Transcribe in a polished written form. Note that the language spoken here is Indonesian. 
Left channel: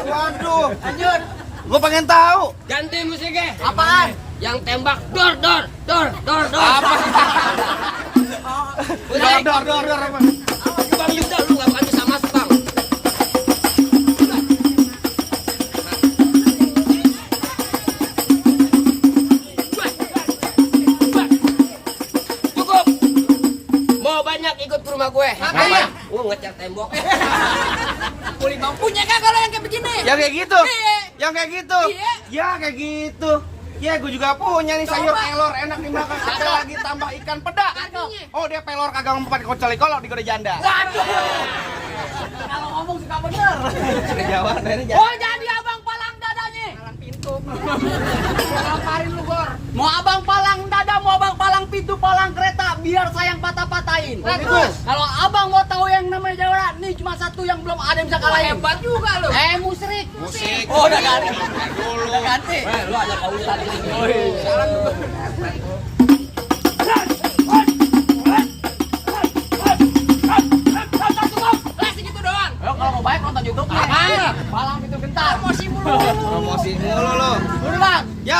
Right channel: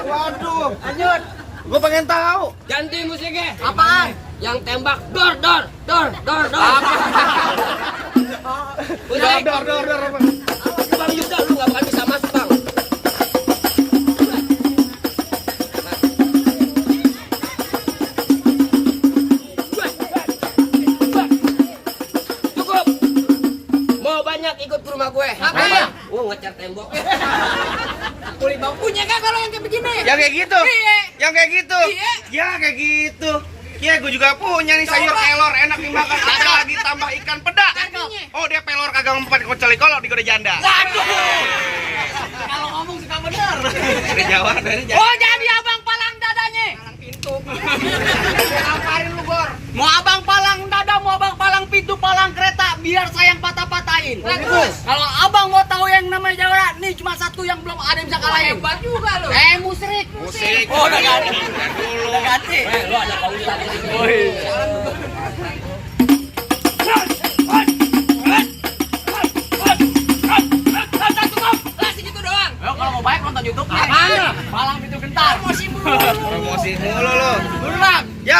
Waduh. Lanjut. Gue pengen tahu. Ganti musiknya. Apaan? Yang tembak dor. Apa? Musik. Dor. Bang Yuda lu nggak bakal bisa masuk bang. Cukup. Mau banyak ikut ke rumah gue. Ngapain? Gue ngecat tembok. Kulit bang punya kan kalau yang kayak begini? Yang kayak gitu. Iya. Yang kayak gitu. Iya. Ya kayak gitu. Ya gue juga punya nih sayur pelor enak dimakan. Ada lagi tambah ikan peda. Oh dia pelor kagak mempan kocali kalau digoda janda. Waduh. Kalau ngomong suka bener. Kejauhan dari janda. Oh jadi abang palang dadanya. Palang pintu. Ngapain lu Gor? Mau abang palang dada, mau abang palang pintu, palang kereta, biar saya yang patah-patahin. Kalau abang mau tahu yang namanya Jawa, nih cuma satu yang belum ada yang bisa kalahin. Hebat juga lu. Musrik. Musik. Oh udah ganti. Udah ganti. Lu ada pausan di sini. Ayo kalau mau baik nonton YouTube-nya. Palang pintu gentar. Promosi mulu. Promosi mulu lu. Dulu bang. Ya